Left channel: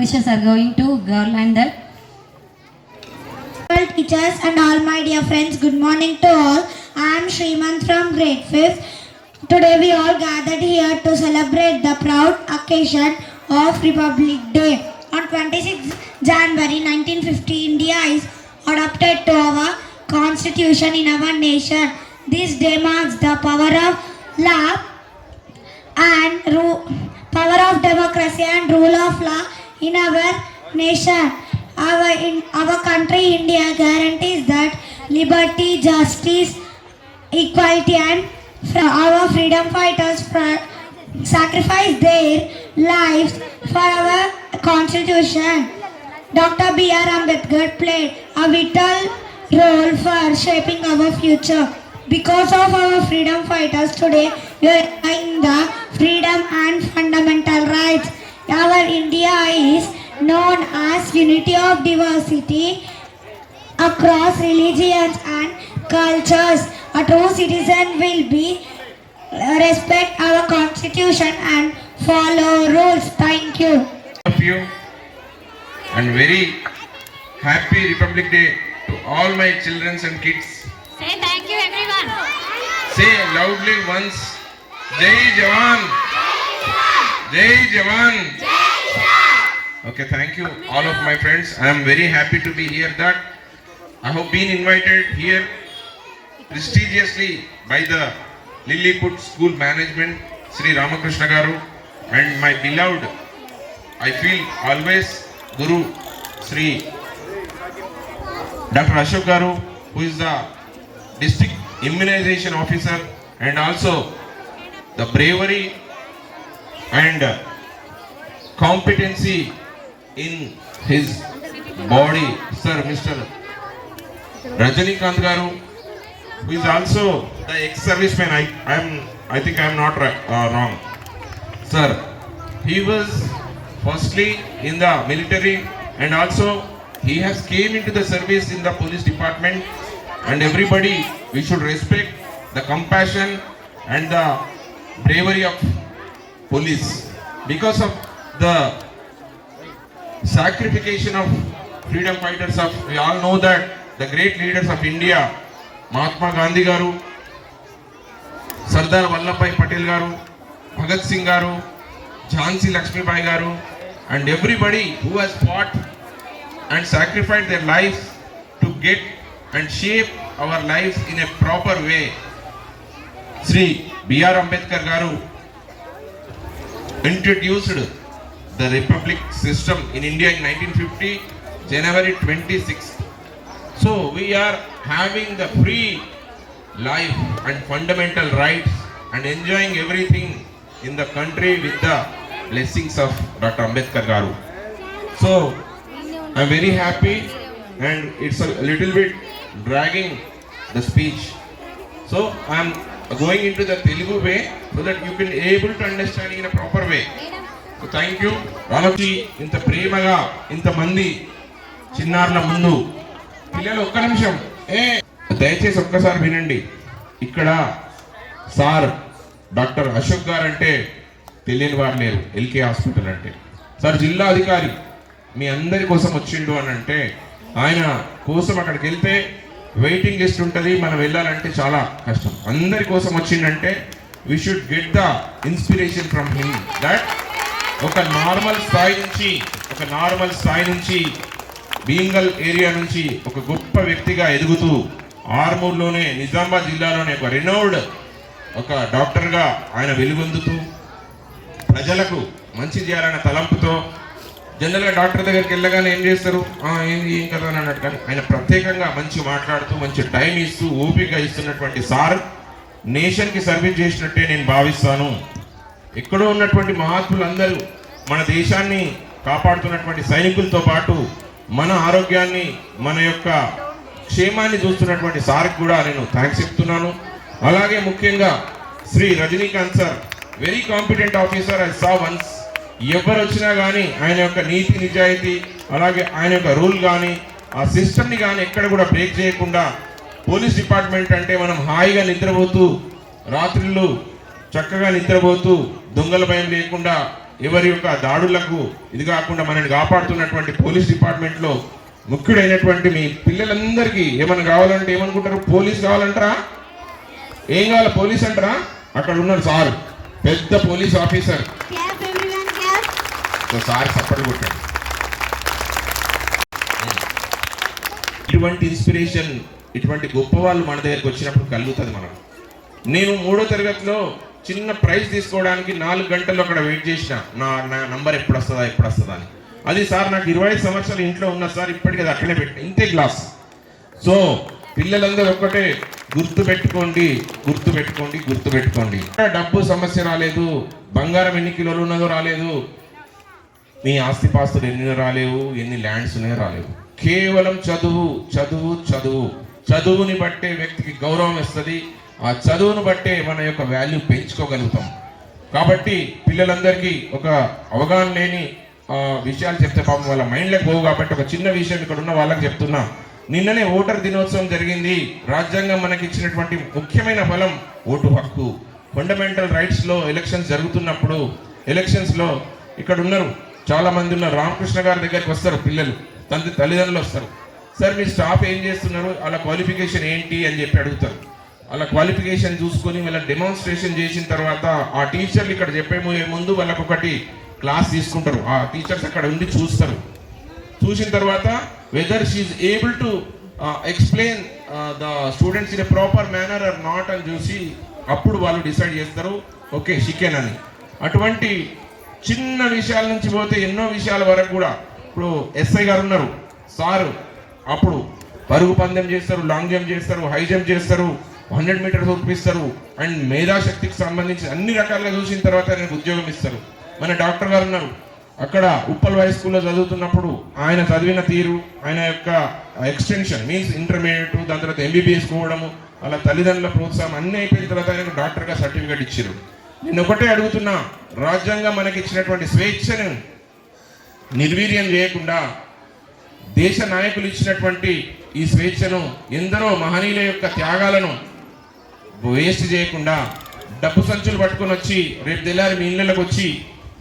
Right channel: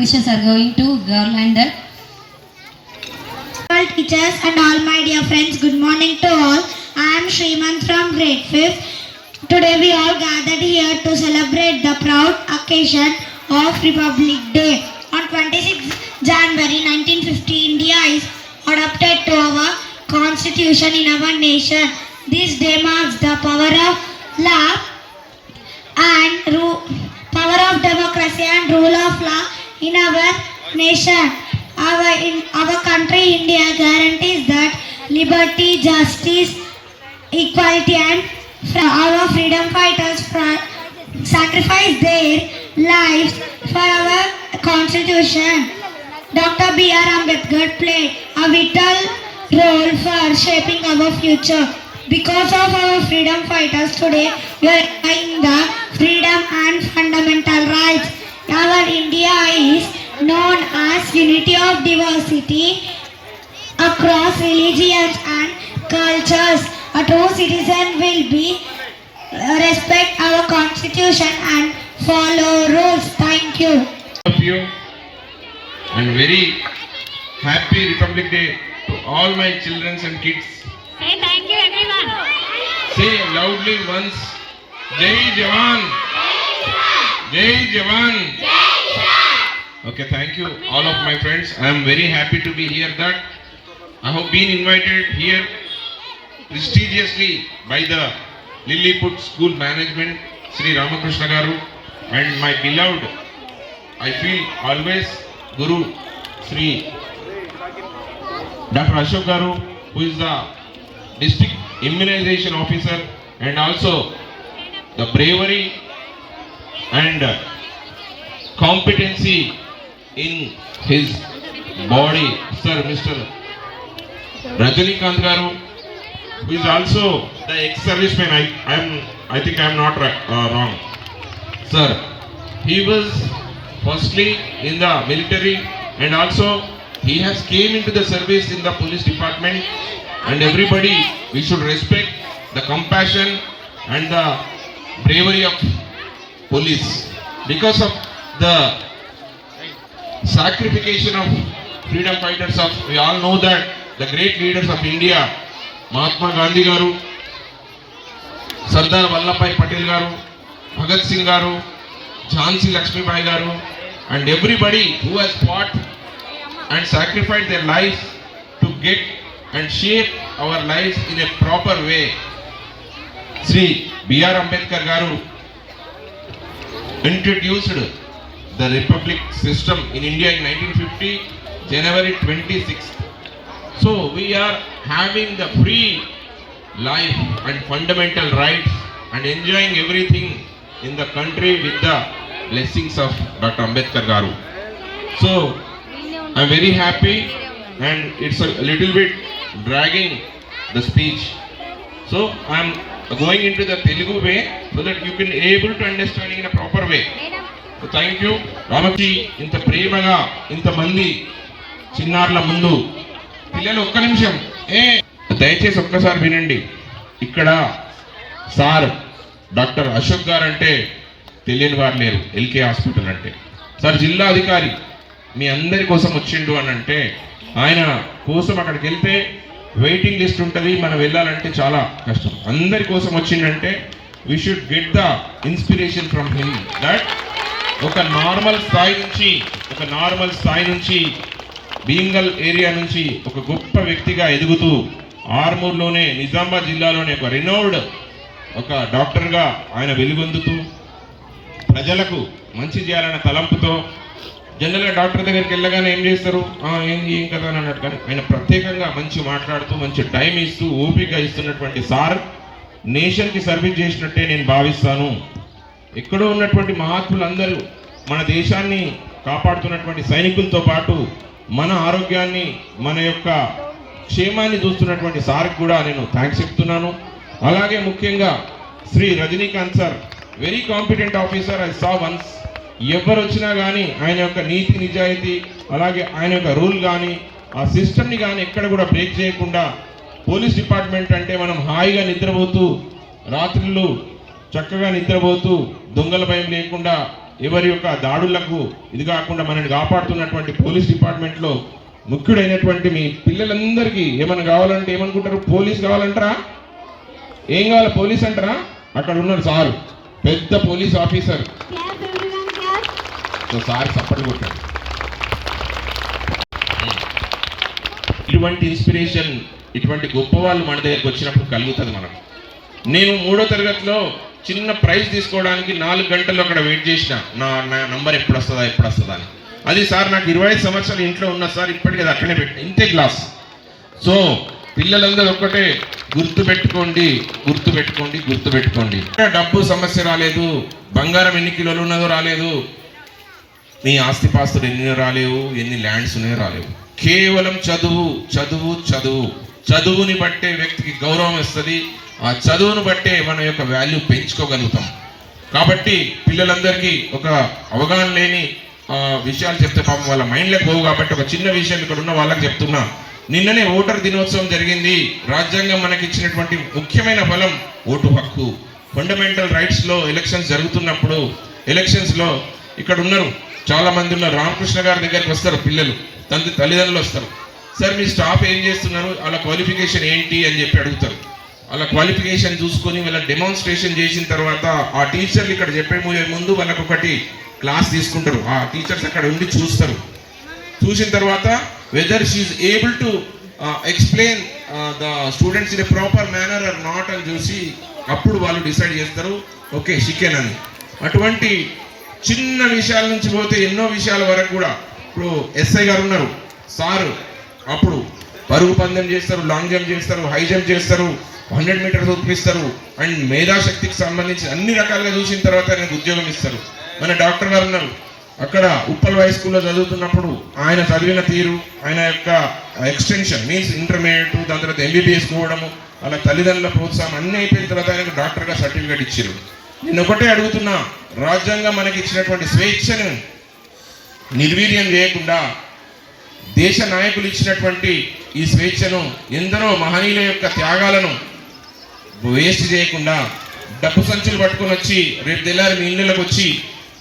wishes are going to girl and the all teachers and all my dear friends, good morning to all. I am Shriman from grade 5th. Today we all gathered here to celebrate the proud occasion of Republic Day. On 26 January 1950, India is adopted to our constitution in our nation. This day marks the power of law and power of democracy and rule of law in our nation. Our, in our country, India guarantees that liberty, justice, equality and our freedom fighters sacrifice their lives for our constitution. Dr. B.R. Ambedkar played a vital role for shaping our future. Because of our freedom fighters today, we are enjoying the freedom and fundamental rights our India is known as unity of diversity across religions and cultures. A true citizen will be uh, respect our constitution and follow rules. Thank you. Thank you and very happy Republic Day to all my children and kids. Say thank you everyone. Say loudly once, Jai Jawan. Jai Jawan. Okay, thank you all of my friends. I am very happy to be here that I have been invited here prestigiously by the Lilliput School Management, Sri Ramakrishna Garu and my beloved, I feel always Guru Sri Dr. Ashok Garu who is the district immunization officer and also the bravery and competency in his body, sir, Mr. Rajanikanth Garu, who is also the ex-serviceman. I think I am not uh, wrong. Sir, he was firstly in the military, and also he has came into the service in the police department, and everybody we should respect the compassion and the bravery of police because of the sacrification of freedom fighters of we all know that the great leaders of India Mahatma Gandhi garu Sardar Vallabhbhai Patel garu Bhagat Singh garu Jhansi Lakshmibai garu and everybody who has fought and sacrificed their lives to get and shape our lives in a proper way Shri BR Ambedkar garu introduced the republic system in India in 1950, January 26th. So we are having the free life and fundamental rights and enjoying everything in the country with the blessings of Dr. Ambedkar Garu. So I'm very happy and it's a little bit dragging the speech. So I'm going into the Telugu way. So that you can able to understand in proper way thank you రామకి ఇంత ప్రేమగా ఇంతమంది చిన్నారుల ముందు పిల్లలు ఒక్క నిమిషం ఏ దయచేసి ఒక్కసారి వినండి ఇక్కడ సార్ డాక్టర్ అశోక్ గారు అంటే తెలియని వారు లేరు ఎల్కే హాస్పిటల్ అంటే సార్ జిల్లా అధికారి మీ అందరి కోసం వచ్చిండు అని అంటే ఆయన కోసం అక్కడికి వెళ్తే వెయిటింగ్ లిస్ట్ ఉంటుంది మనం వెళ్ళాలంటే చాలా కష్టం అందరి కోసం వచ్చిండంటే we should get the inspiration from him that ఒక నార్మల్ స్థాయి నుంచి ఒక నార్మల్ స్థాయి నుంచి భీంగల్ ఏరియా నుంచి ఒక గొప్ప వ్యక్తిగా ఎదుగుతూ ఆర్మూర్లోనే నిజామాబాద్ జిల్లాలోనే ఒక రినౌడ్ ఒక డాక్టర్గా ఆయన వెలుగొందుతూ ప్రజలకు మంచి చేయాలన్న తలంపుతో జనరల్గా డాక్టర్ దగ్గరికి వెళ్ళగానే ఏం చేస్తారు ఏంది ఏం కదా అని అన్నట్టు కానీ ఆయన ప్రత్యేకంగా మంచి మాట్లాడుతూ మంచి టైం ఇస్తూ ఓపిక ఇస్తున్నటువంటి సార్ నేషన్కి సర్వీస్ చేసినట్టే నేను భావిస్తాను ఎక్కడో ఉన్నటువంటి మహాత్ములందరూ మన దేశాన్ని కాపాడుతున్నటువంటి సైనికులతో పాటు మన ఆరోగ్యాన్ని మన యొక్క క్షేమాన్ని చూస్తున్నటువంటి సార్కి కూడా నేను థ్యాంక్స్ చెప్తున్నాను అలాగే ముఖ్యంగా Shri Rajinikanth sir very competent officer I saw once ఎవరు వచ్చినా కానీ ఆయన యొక్క నీతి నిజాయితీ అలాగే ఆయన యొక్క రూల్ కానీ ఆ సిస్టమ్ని కానీ ఎక్కడ కూడా బ్రేక్ చేయకుండా పోలీస్ డిపార్ట్మెంట్ అంటే మనం హాయిగా నిద్రపోతూ రాత్రులు చక్కగా నిద్రపోతూ దొంగల భయం లేకుండా ఎవరి యొక్క దాడులకు ఇది కాకుండా మనల్ని కాపాడుతున్నటువంటి పోలీస్ డిపార్ట్మెంట్లో ముఖ్యుడైనటువంటి మీ పిల్లలందరికీ ఏమైనా కావాలంటే ఏమనుకుంటారు పోలీస్ కావాలంటారా ఏం కావాలి పోలీస్ అంటారా అక్కడ ఉన్నాడు సార్ పెద్ద పోలీస్ ఆఫీసర్ సార్ సపోర్ట్ కొట్టాడు ఇటువంటి ఇన్స్పిరేషన్ ఇటువంటి గొప్పవాళ్ళు మన దగ్గరికి వచ్చినప్పుడు కలుగుతుంది మనం నేను మూడో తరగతిలో చిన్న ప్రైజ్ తీసుకోవడానికి నాలుగు గంటలు అక్కడ వెయిట్ చేసిన నా నా నంబర్ ఎప్పుడు వస్తుందా ఎప్పుడు వస్తుందా అని అది సార్ నాకు ఇరవై ఐదు సంవత్సరాలు ఇంట్లో ఉన్నా సార్ ఇప్పటికీ అది అట్లనే పెట్టి ఇంతే గ్లాస్ సో పిల్లలందరూ ఒక్కటే గుర్తు పెట్టుకోండి గుర్తు పెట్టుకోండి గుర్తు పెట్టుకోండి డబ్బు సమస్య రాలేదు బంగారం ఎన్ని కిలోలు ఉన్నదో రాలేదు మీ ఆస్తిపాస్తులు ఎన్ని రాలేవు ఎన్ని ల్యాండ్స్ ఉన్నాయో రాలేవు కేవలం చదువు చదువు చదువు చదువుని బట్టే వ్యక్తికి గౌరవం ఇస్తుంది ఆ చదువును బట్టే మన యొక్క వాల్యూ పెంచుకోగలుగుతాం కాబట్టి పిల్లలందరికీ ఒక అవగాహన లేని విషయాలు చెప్తే పాపం వాళ్ళ మైండ్లకు పోవు కాబట్టి ఒక చిన్న విషయం ఇక్కడ ఉన్న వాళ్ళకి చెప్తున్నా నిన్ననే ఓటర్ దినోత్సవం జరిగింది రాజ్యాంగం మనకి ఇచ్చినటువంటి ముఖ్యమైన బలం ఓటు హక్కు ఫండమెంటల్ రైట్స్లో ఎలక్షన్స్ జరుగుతున్నప్పుడు ఎలక్షన్స్లో ఇక్కడ ఉన్నారు చాలామంది ఉన్నారు రామకృష్ణ గారి దగ్గరికి వస్తారు పిల్లలు తండ్రి తల్లిదండ్రులు వస్తారు సార్ మీ స్టాఫ్ ఏం చేస్తున్నారు అలా క్వాలిఫికేషన్ ఏంటి అని చెప్పి అడుగుతారు అలా క్వాలిఫికేషన్ చూసుకొని వాళ్ళ డెమాన్స్ట్రేషన్ చేసిన తర్వాత ఆ టీచర్లు ఇక్కడ చెప్పే ముందు వాళ్ళకు ఒకటి క్లాస్ తీసుకుంటారు ఆ టీచర్స్ అక్కడ ఉండి చూస్తారు చూసిన తర్వాత whether she able to explain the students in a proper manner or not అని చూసి అప్పుడు వాళ్ళు డిసైడ్ చేస్తారు ఓకే షికెన్ అని అటువంటి చిన్న విషయాల నుంచి పోతే ఎన్నో విషయాల వరకు కూడా ఇప్పుడు ఎస్ఐ గారు ఉన్నారు సారు అప్పుడు పరుగు పందెం చేస్తారు లాంగ్ జంప్ చేస్తారు హై జంప్ చేస్తారు హండ్రెడ్ మీటర్స్ ఒప్పిస్తారు అండ్ మేధాశక్తికి సంబంధించి అన్ని రకాలుగా చూసిన తర్వాత ఆయనకు ఉద్యోగం ఇస్తారు మన డాక్టర్ గారు ఉన్నారు అక్కడ ఉప్పల్ హై స్కూల్లో చదువుతున్నప్పుడు ఆయన చదివిన తీరు ఆయన యొక్క ఎక్స్టెన్షన్ మీన్స్ ఇంటర్మీడియట్ దాని తర్వాత ఎంబీబీఎస్ పోవడము వాళ్ళ తల్లిదండ్రుల ప్రోత్సాహం అన్ని అయిపోయిన తర్వాత ఆయనకు డాక్టర్గా సర్టిఫికేట్ ఇచ్చారు నేను ఒకటే అడుగుతున్నా రాజ్యాంగం మనకి ఇచ్చినటువంటి స్వేచ్ఛను నిర్వీర్యం చేయకుండా దేశ నాయకులు ఇచ్చినటువంటి ఈ స్వేచ్ఛను ఎందరో మహనీయుల యొక్క త్యాగాలను వేస్ట్ చేయకుండా డబ్బు సంచులు పట్టుకొని వచ్చి రేపు తెల్లారి మీ ఇళ్ళకి వచ్చి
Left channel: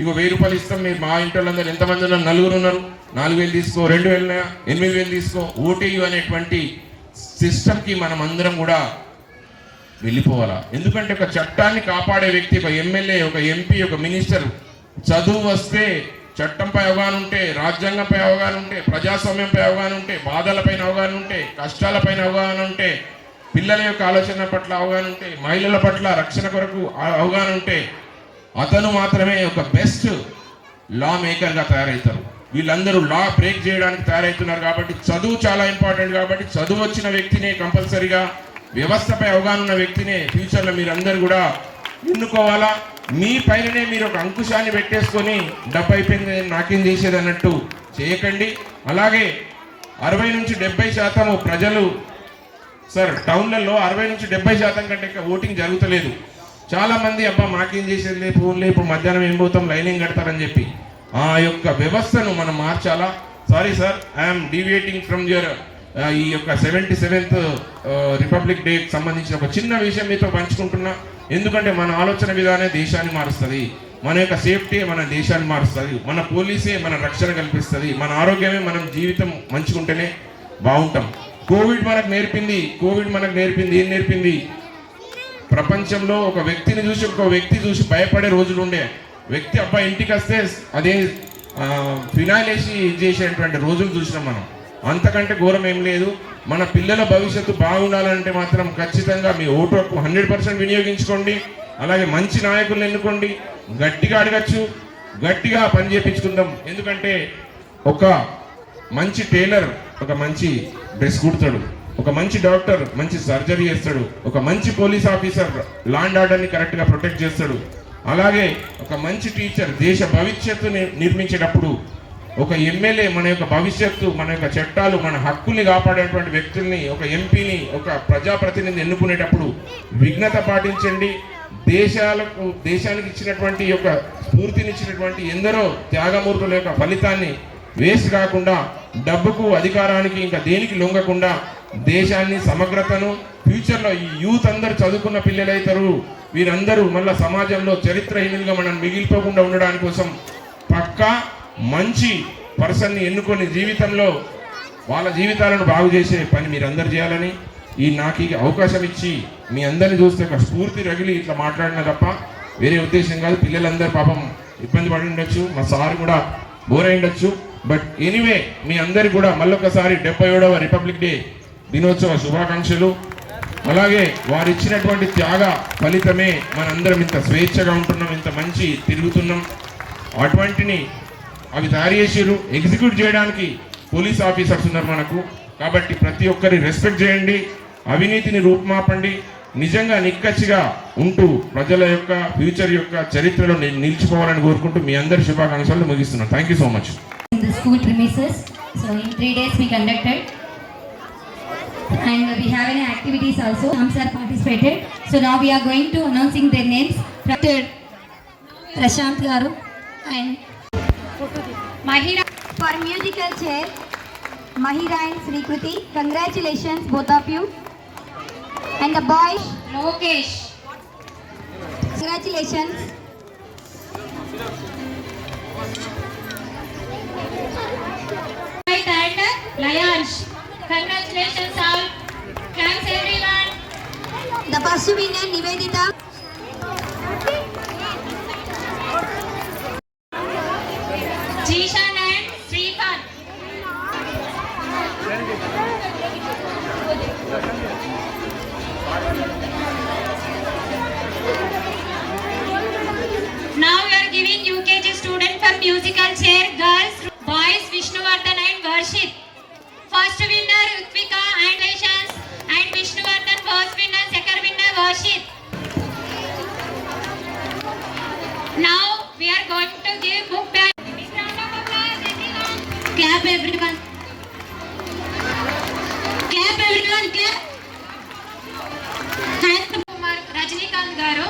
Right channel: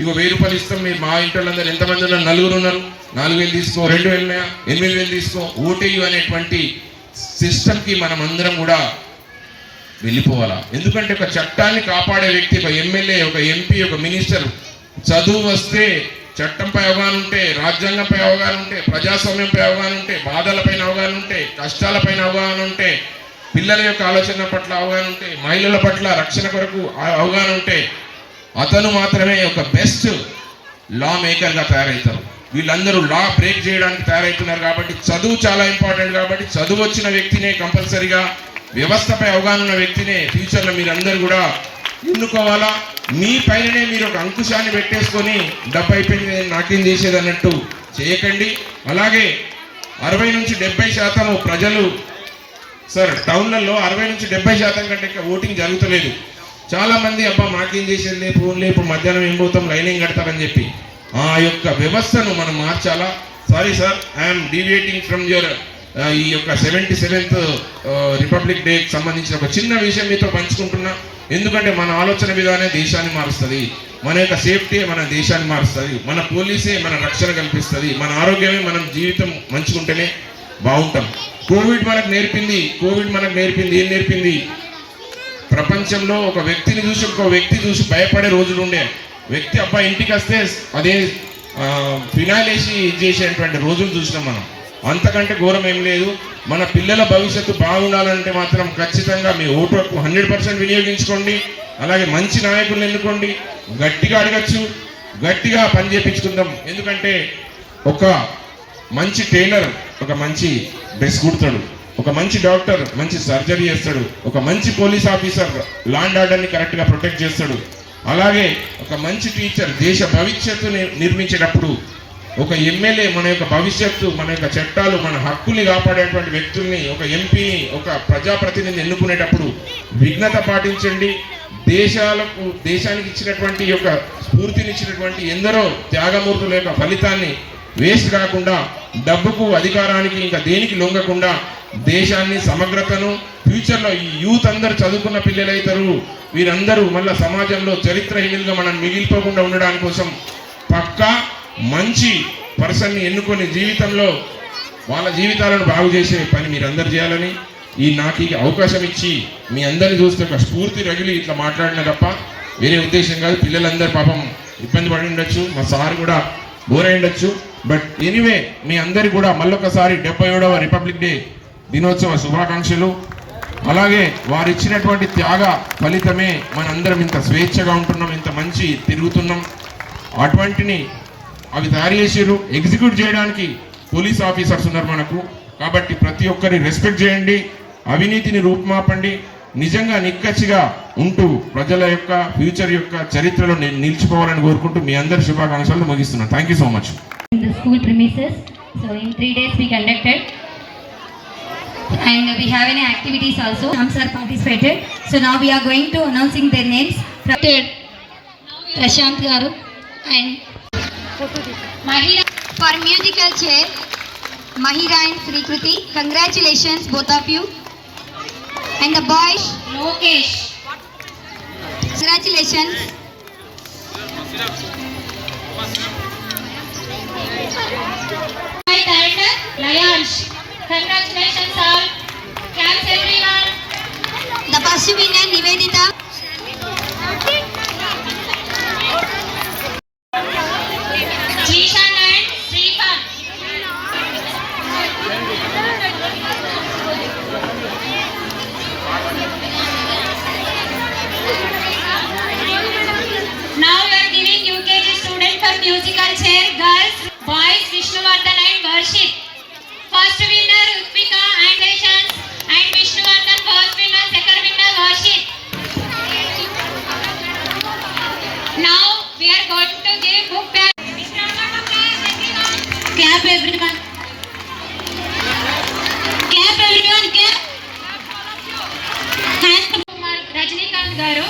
ఇగో వెయ్యి రూపాయలు ఇస్తాం మీరు మా ఇంటర్లందరూ ఎంతమంది ఉన్నారు నలుగురు ఉన్నారు నాలుగు వేలు తీసుకో రెండు వేలు ఎనిమిది వేలు తీసుకో ఓటీ అనేటువంటి సిస్టమ్కి మనం అందరం కూడా వెళ్ళిపోవాలా ఎందుకంటే ఒక చట్టాన్ని కాపాడే వ్యక్తి ఒక ఎమ్మెల్యే ఒక ఎంపీ ఒక మినిస్టర్ చదువు వస్తే చట్టంపై అవగాహన ఉంటే రాజ్యాంగంపై అవగాహన ఉంటే ప్రజాస్వామ్యంపై అవగాహన ఉంటే బాధలపైన అవగాహన ఉంటే కష్టాలపైన అవగాహన ఉంటే పిల్లల యొక్క ఆలోచన పట్ల అవగాహన ఉంటే మహిళల పట్ల రక్షణ కొరకు అవగాహన ఉంటే అతను మాత్రమే ఒక బెస్ట్ లా మేకర్గా తయారవుతారు వీళ్ళందరూ లా బ్రేక్ చేయడానికి తయారవుతున్నారు కాబట్టి చదువు చాలా ఇంపార్టెంట్ కాబట్టి చదువు వచ్చిన వ్యక్తినే కంపల్సరీగా వ్యవస్థపై అవగాహన ఉన్న వ్యక్తినే ఫ్యూచర్లో మీరందరూ కూడా ఎన్నుకోవాలా మీ పైననే మీరు ఒక అంకుశాన్ని పెట్టేసుకొని డబ్బు అయిపోయింది నేను నాట్యం చేసేది అన్నట్టు చేయకండి అలాగే అరవై నుంచి డెబ్బై శాతము ప్రజలు సార్ టౌన్లలో అరవై నుంచి డెబ్బై శాతం కంటే ఇంకా ఓటింగ్ జరుగుతలేదు చాలామంది అబ్బా మాకేం చేసేది ఫోన్లే ఇప్పుడు మధ్యాహ్నం ఏం పోతాం లైనింగ్ కడతారని చెప్పి ఆ యొక్క వ్యవస్థను మనం మార్చాలా sorry sir I'm deviating from your ఈ యొక్క సెవెంటీ సెవెంత్ రిపబ్లిక్ డేకి సంబంధించిన ఒక చిన్న విషయం మీతో పంచుకుంటున్నా ఎందుకంటే మన ఆలోచన విధానే దేశాన్ని మారుస్తుంది మన యొక్క సేఫ్టీ మన దేశాన్ని మారుస్తుంది మన పోలీసే మన రక్షణ కల్పిస్తుంది మన ఆరోగ్యమే మనం జీవితం మంచుకుంటేనే బాగుంటాం కోవిడ్ మనకు నేర్పింది కోవిడ్ మనకు నేర్పింది ఏం నేర్పింది ప్రపంచంలో ఒక వ్యక్తిని చూసి ఒక వ్యక్తి చూసి భయపడే రోజులు ఉండే వ్యక్తి అబ్బాయి ఇంటికి వస్తే అదే ఫినాయిల్ వేసి చేసేటువంటి రోజులు చూసినాం మనం అంతకంటే ఘోరం ఏం లేదు మన పిల్లల భవిష్యత్తు బాగుండాలంటే మాత్రం ఖచ్చితంగా మీ ఓటు హక్కు హండ్రెడ్ పర్సెంట్ వినియోగించుకోండి అలాగే మంచి నాయకులను ఎన్నుకోండి గట్టిగా అడగచ్చు గట్టిగా పని చేయించుకుందాం ఎందుకంటే ఒక మంచి టైలర్ ఒక మంచి డ్రెస్ కుడతాడు ఒక మంచి డాక్టర్ మంచి సర్జరీ చేస్తాడు ఒక మంచి పోలీస్ ఆఫీసర్ లాండ్ ఆర్డర్ని కరెక్ట్గా ప్రొటెక్ట్ చేస్తాడు అలాగే ఒక మంచి టీచర్ దేశ భవిష్యత్తుని నిర్మించేటప్పుడు ఒక ఎమ్మెల్యే మన యొక్క భవిష్యత్తు మన యొక్క చట్టాలు మన హక్కుల్ని కాపాడేటువంటి వ్యక్తుల్ని ఒక ఎంపీని ఒక ప్రజాప్రతినిధిని ఎన్నుకునేటప్పుడు విఘ్నత పాటించండి దేశాలకు దేశానికి ఇచ్చినటువంటి యొక్క స్ఫూర్తినిచ్చినటువంటి ఎందరో త్యాగమూర్తుల యొక్క ఫలితాన్ని వేస్ట్ కాకుండా డబ్బుకు అధికారానికి ఇంకా దేనికి లొంగకుండా దేశాన్ని సమగ్రతను ఫ్యూచర్లో ఈ యూత్ అందరు చదువుకున్న పిల్లలైతారు వీరందరూ మళ్ళీ సమాజంలో చరిత్రహీనంగా మనం మిగిలిపోకుండా ఉండడానికి కోసం పక్కా మంచి పర్సన్ని ఎన్నుకొని జీవితంలో వాళ్ళ జీవితాలను బాగు చేసే పని అందరు చేయాలని ఈ నాకు అవకాశం ఇచ్చి మీ అందరిని చూస్తే ఒక స్ఫూర్తి రగిలి ఇట్లా మాట్లాడిన తప్ప వేరే ఉద్దేశం కాదు పిల్లలందరూ పాపం ఇబ్బంది పడి ఉండొచ్చు మా సార్ కూడా బోర్ అయి ఉండొచ్చు బట్ ఎనీవే మీ అందరికి కూడా మళ్ళొకసారి డెబ్బై ఏడవ రిపబ్లిక్ డే దినోత్సవ శుభాకాంక్షలు అలాగే వారు ఇచ్చినటువంటి త్యాగ ఫలితమే మనందరం ఇంత స్వేచ్ఛగా ఉంటున్నాం ఇంత మంచి తిరుగుతున్నాం అటువంటిని అవి తయారు చేసారు ఎగ్జిక్యూట్ చేయడానికి పోలీస్ ఆఫీసర్స్ ఉన్నారు మనకు కాబట్టి ప్రతి ఒక్కరి రెస్పెక్ట్ చేయండి అవినీతిని రూపుమాపండి నిజంగా నిక్కచ్చిగా ఉంటూ ప్రజల యొక్క ఫ్యూచర్ యొక్క చరిత్రలో నిలిచిపోవాలని కోరుకుంటూ మీ అందరి శుభాకాంక్షలు ముగిస్తున్నాను thank so much and we have any activities also some sir participated so now we are going to announcing their names prashant garu and Mahira for musical chair, Mahira and Srikriti. Congratulations, both of you. And the boys, Lokesh. Congratulations. My turn, Lions. Congratulations, sir. Shanti Kumar Rajinikanth garu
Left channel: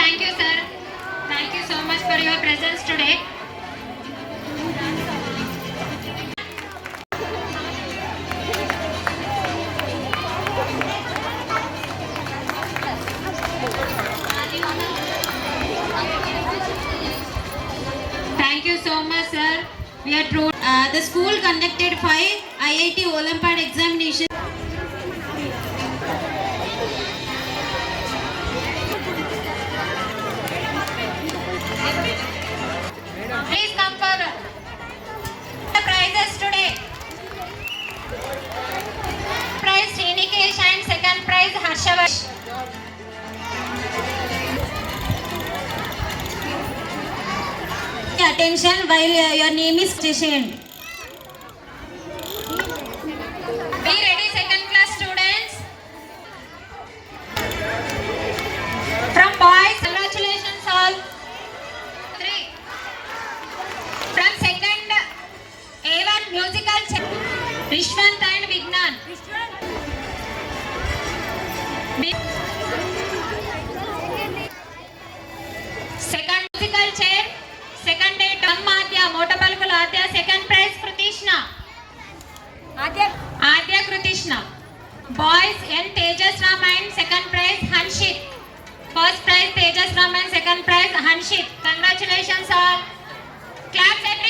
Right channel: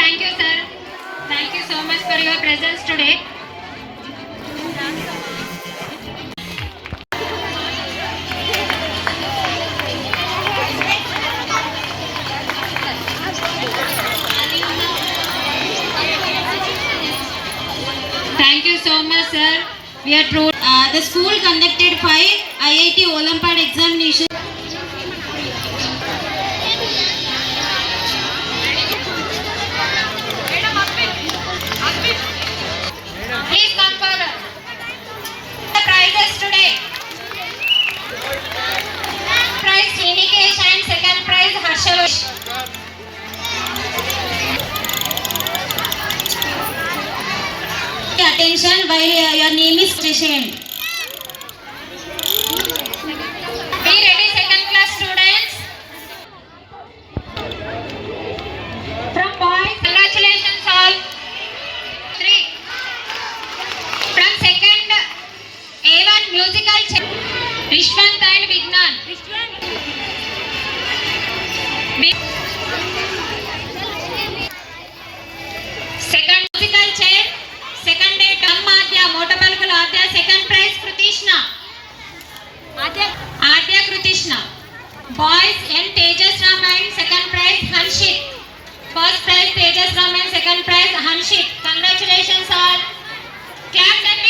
thank you sir thank Thank you so much, sir. We are Uh, the school conducted five IIT hill station Be ready second class students. From boys, congratulations all. Three. From second A1 musical. Vishwan Tail Vignan. Vishwan. Boys in Tejas Ramayan, second prize, Hanshit. First prize, Tejas Ramayan, second prize, Hanshi. Congratulations, all. Clap